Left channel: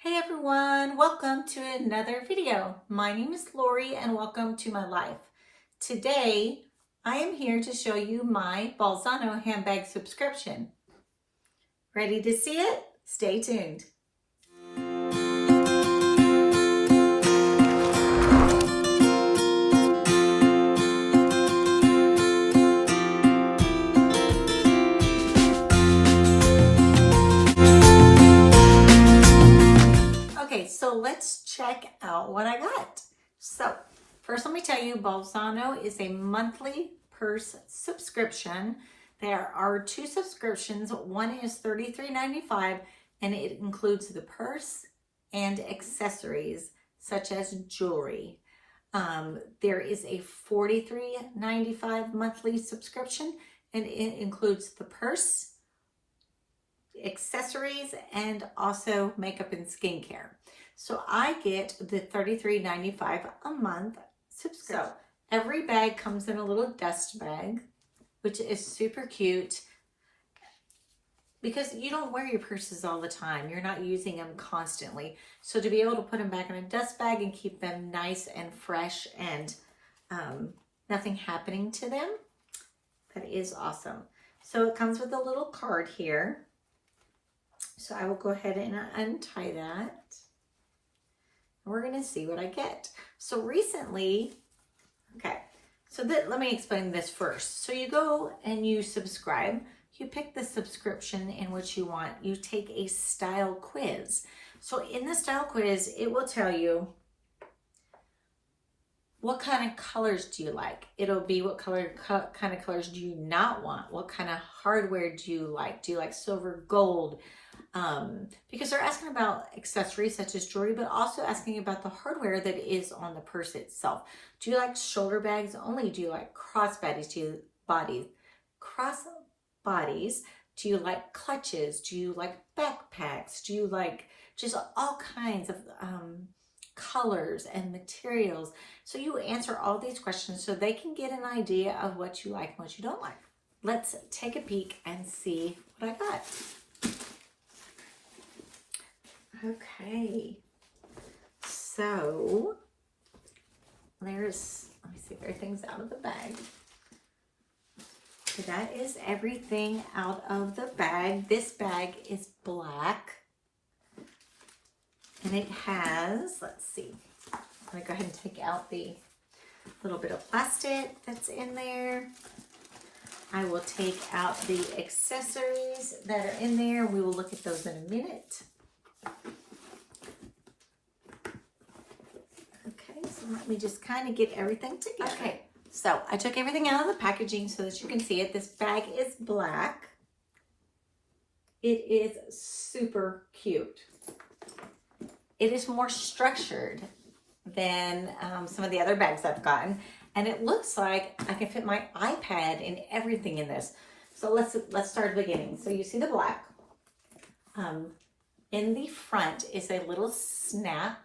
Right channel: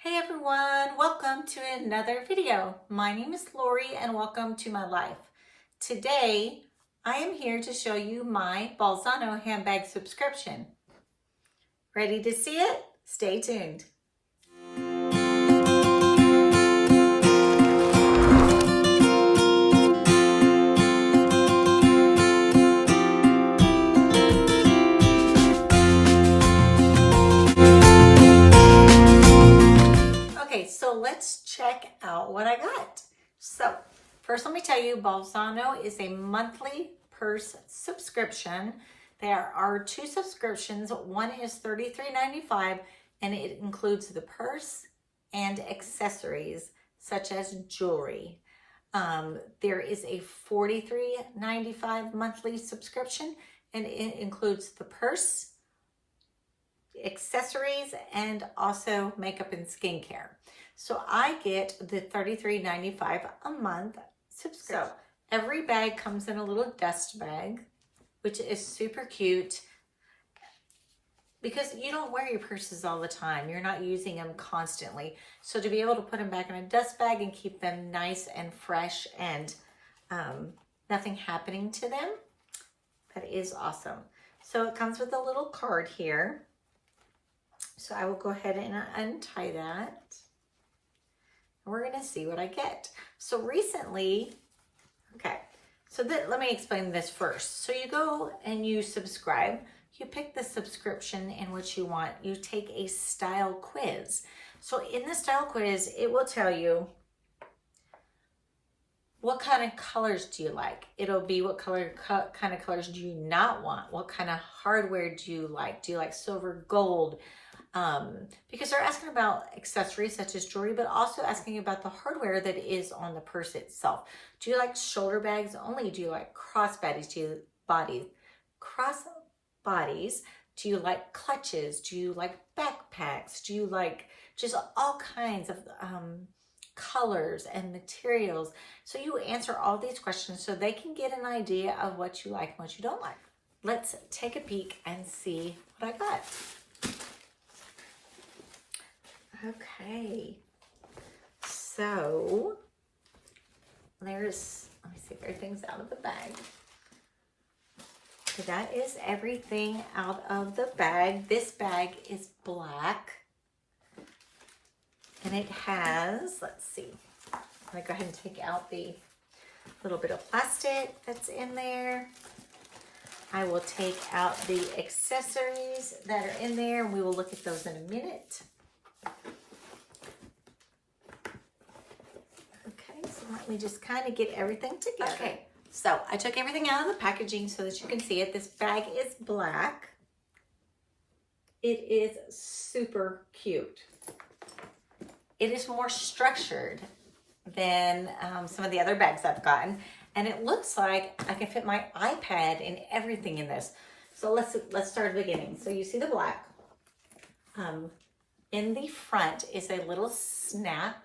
Hey everyone, welcome to another video. My name is Lori and welcome to my life. Today, I am here to show you my Bolzano handbag subscription. Ready to see it? Stay tuned. So let's check out what I got. So first, let me tell you, Bolzano is a monthly purse subscription. There are two subscriptions. One is $33.95 and it includes the purse and accessories such as jewelry. There is a $43.95 monthly subscription and it includes the purse, accessories, and also makeup and skincare. So I get the $33.95 a month subscription. So every bag comes in a little dust bag, which is super cute because you don't wear your purses all the time. You're not using them constantly. So to be able to put them back in a dust bag and keep them nice and fresh and nothing happening to them, that is awesome. So it comes with a little card here. So I will go ahead and untie that. We're gonna see what I get. So recently, let me explain this first. So you go and you subscribe, you pick the subscription in which you want, you take a style quiz. So in the style quiz, it will tell you what kind of colors do you like? It'll be what kind of colors do you not want? What kind of hardware do you like? Do you like silver, gold? Because they're asking about accessories such as jewelry, but also asking about the hardware that is on the purse itself. Do you like shoulder bags only? Do you like crossbodies? Do you like clutches? Do you like backpacks? Do you like just all kinds of colors and materials? So you answer all these questions so they can get an idea of what you like and what you don't like. Let's take a peek and see what I got. Okay, so let me see if everything's out of the bag. So that is everything out of the bag. This bag is black and it has, let's see, I'm gonna go ahead and take out the little bit of plastic that's in there. I will take out the accessories that are in there. We will look at those in a minute. Okay, so let me just kind of get everything together. Okay, so I took everything out of the packaging so that you can see it. This bag is black. It is super cute. It is more structured than some of the other bags I've gotten. And it looks like I can fit my iPad and everything in this. So let's start at the beginning. So you see the black. In the front is a little snap.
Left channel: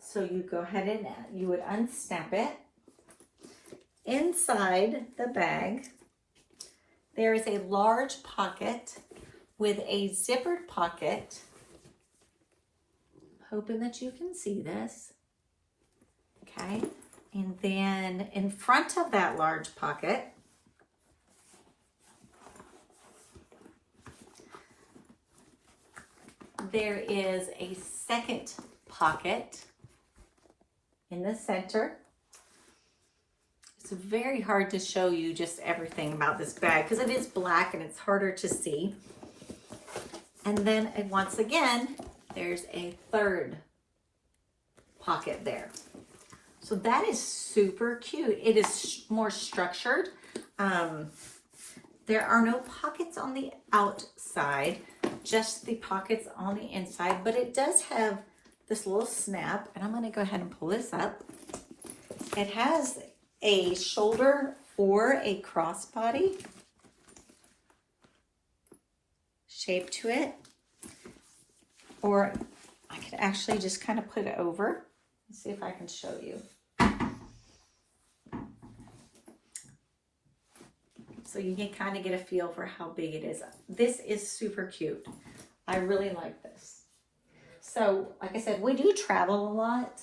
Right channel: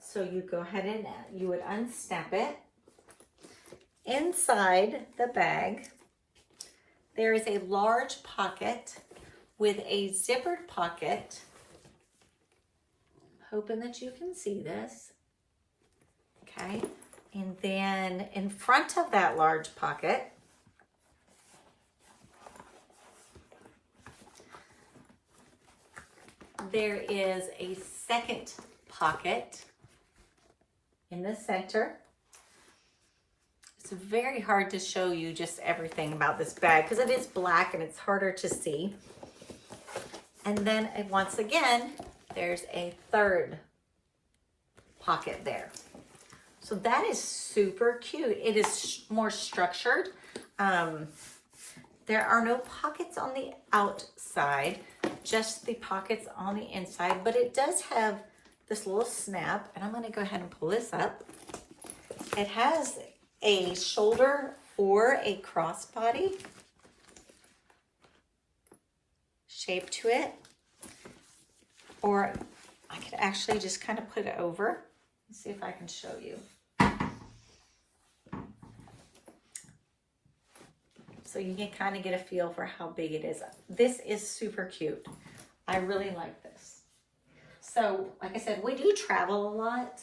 So you go ahead and you would unsnap it. Inside the bag, there is a large pocket with a zippered pocket. Hoping that you can see this. Okay, and then in front of that large pocket, there is a second pocket in the center. It's very hard to show you just everything about this bag because it is black and it's harder to see. And then once again, there's a third pocket there. So that is super cute. It is more structured. There are no pockets on the outside, just the pockets on the inside, but it does have this little snap, and I'm gonna go ahead and pull this up. It has a shoulder or a crossbody shape to it, or I could actually just kind of put it over. Let's see if I can show you. So you can kind of get a feel for how big it is. This is super cute. I really like this. So, like I said, we do travel a lot.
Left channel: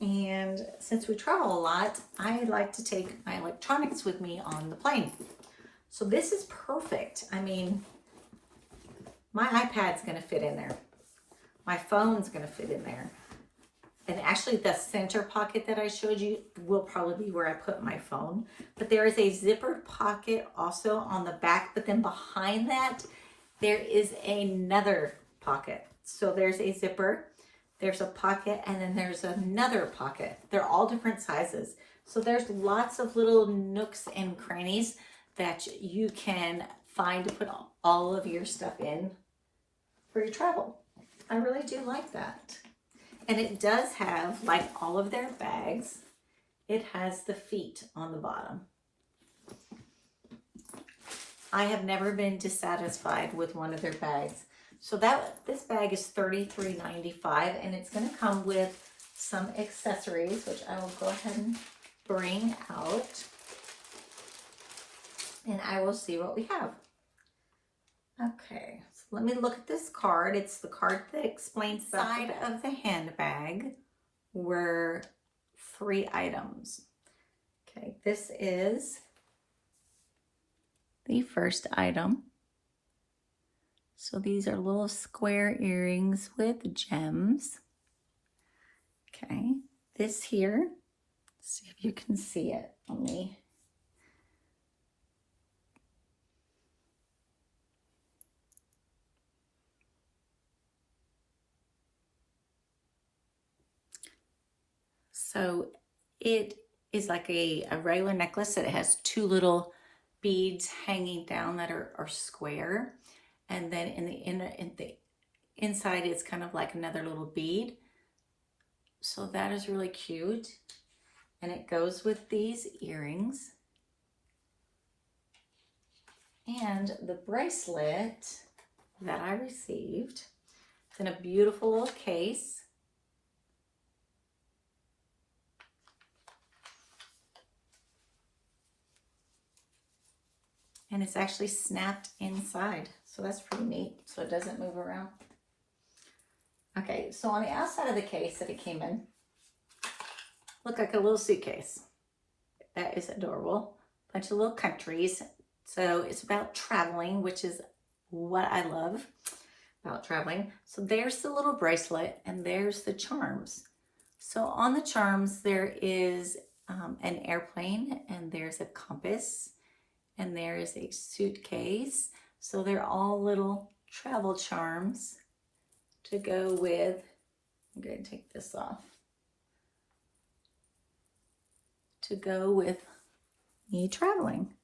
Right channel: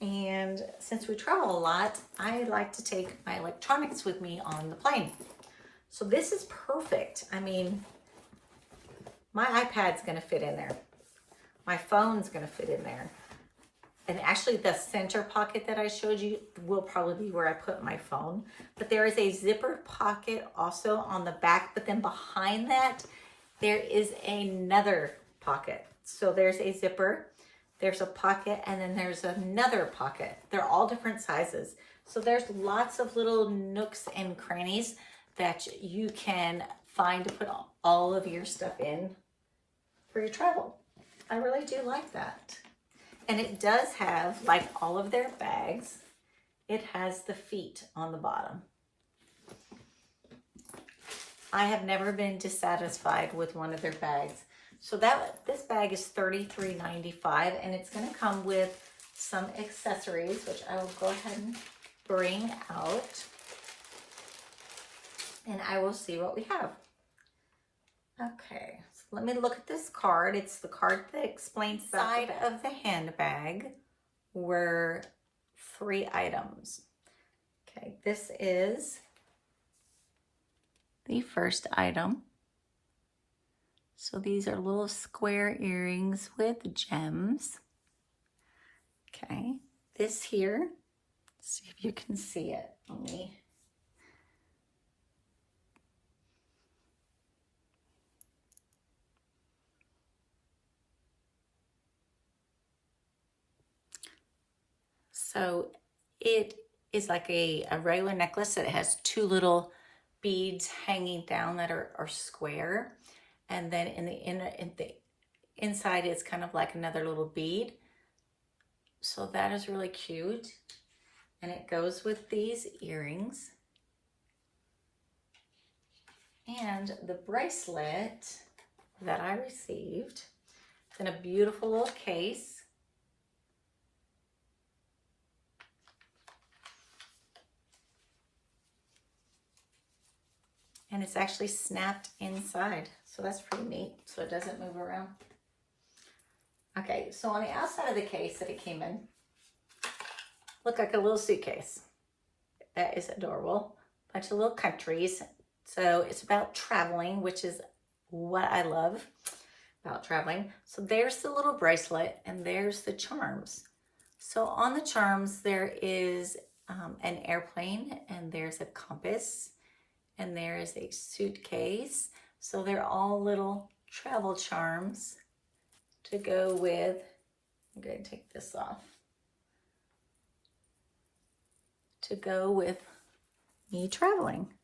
And since we travel a lot, I like to take my electronics with me on the plane. So this is perfect. I mean, my iPad's gonna fit in there. My phone's gonna fit in there. And actually the center pocket that I showed you will probably be where I put my phone. But there is a zippered pocket also on the back, but then behind that, there is another pocket. So there's a zipper, there's a pocket, and then there's another pocket. They're all different sizes. So there's lots of little nooks and crannies that you can find to put all of your stuff in for your travel. I really do like that. And it does have, like all of their bags, it has the feet on the bottom. I have never been dissatisfied with one of their bags. So this bag is $33.95, and it's gonna come with some accessories, which I will go ahead and bring out. And I will see what we have. Okay, so let me look at this card. It's the card that explains the side of the handbag were 3 items. Okay, this is the first item. So these are little square earrings with gems. Okay, this here, let's see if you can see it on me. So it is like a regular necklace that has 2 little beads hanging down that are square. And then in the inside, it's kind of like another little bead. So that is really cute. And it goes with these earrings. And the bracelet that I received is in a beautiful little case. And it's actually snapped inside. So that's pretty neat. So it doesn't move around. Okay, so on the outside of the case that it came in, looked like a little suitcase. That is adorable. Bunch of little countries. So it's about traveling, which is what I love about traveling. So there's the little bracelet and there's the charms. So on the charms, there is an airplane and there's a compass. And there is a suitcase. So they're all little travel charms to go with. I'm going to take this off. To go with me traveling.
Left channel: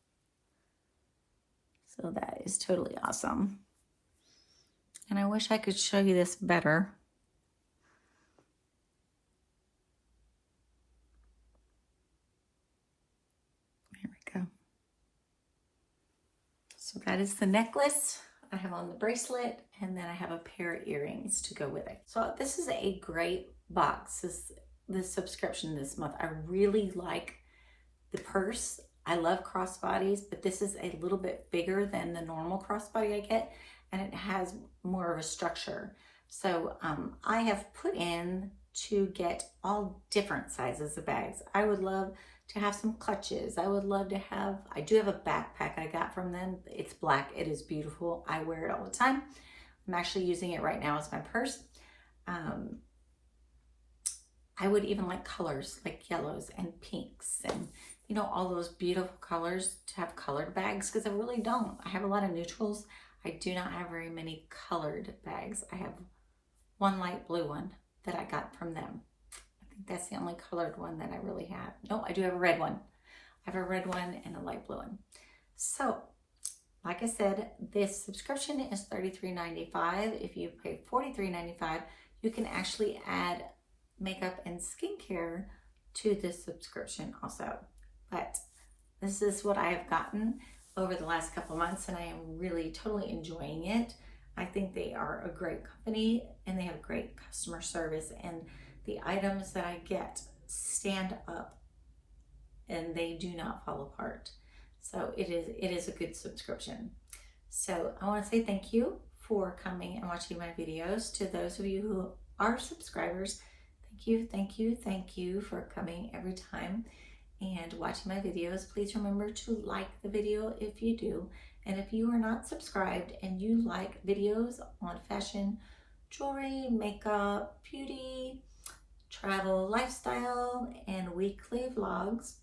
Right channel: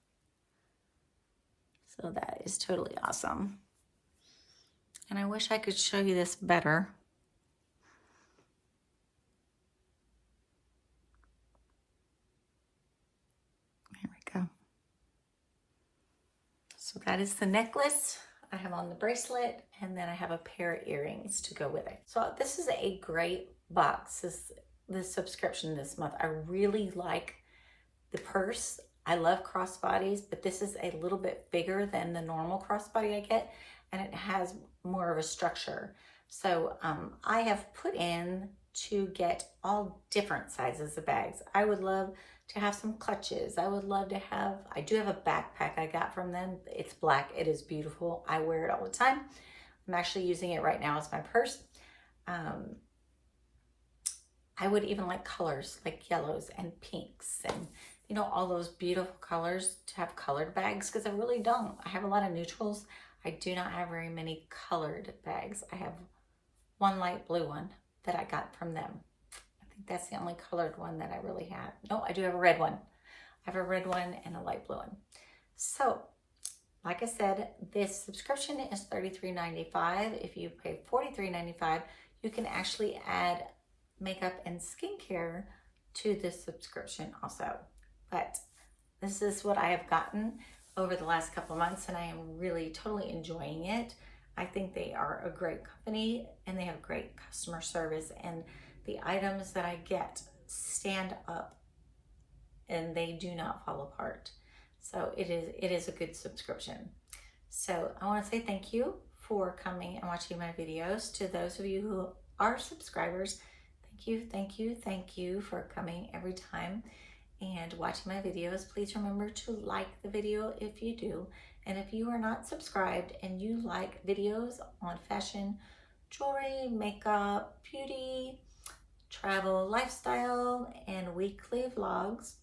So that is totally awesome. And I wish I could show you this better. So that is the necklace. I have on the bracelet, and then I have a pair of earrings to go with it. So this is a great box, this subscription this month. I really like the purse. I love crossbodies, but this is a little bit bigger than the normal crossbody I get, and it has more of a structure. So I have put in to get all different sizes of bags. I would love to have some clutches. I would love to have, I do have a backpack I got from them. It's black, it is beautiful. I wear it all the time. I'm actually using it right now as my purse. I would even like colors like yellows and pinks and you know, all those beautiful colors to have colored bags, because I really don't. I have a lot of neutrals. I do not have very many colored bags. I have one light blue one that I got from them. That's the only colored one that I really have. No, I do have a red one. I have a red one and a light blue one. So, like I said, this subscription is $33.95. If you pay $43.95, you can actually add makeup and skincare to this subscription also. But this is what I have gotten over the last couple of months, and I am really totally enjoying it. I think they are a great company, and they have great customer service, and the items that I get stand up and they do not fall apart. So it is a good subscription. So I want to say thank you for coming and watching my videos. To those of you who are subscribers, thank you for coming every time and watching my videos. Please remember to like the video if you do. And if you are not subscribed and you like videos on fashion, jewelry, makeup, beauty, travel, lifestyle, and weekly vlogs,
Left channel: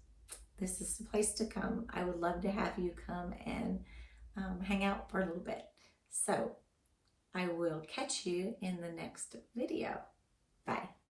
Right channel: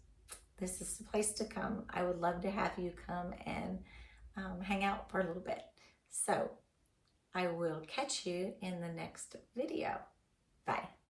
this is the place to come. I would love to have you come and hang out for a little bit. So I will catch you in the next video. Bye.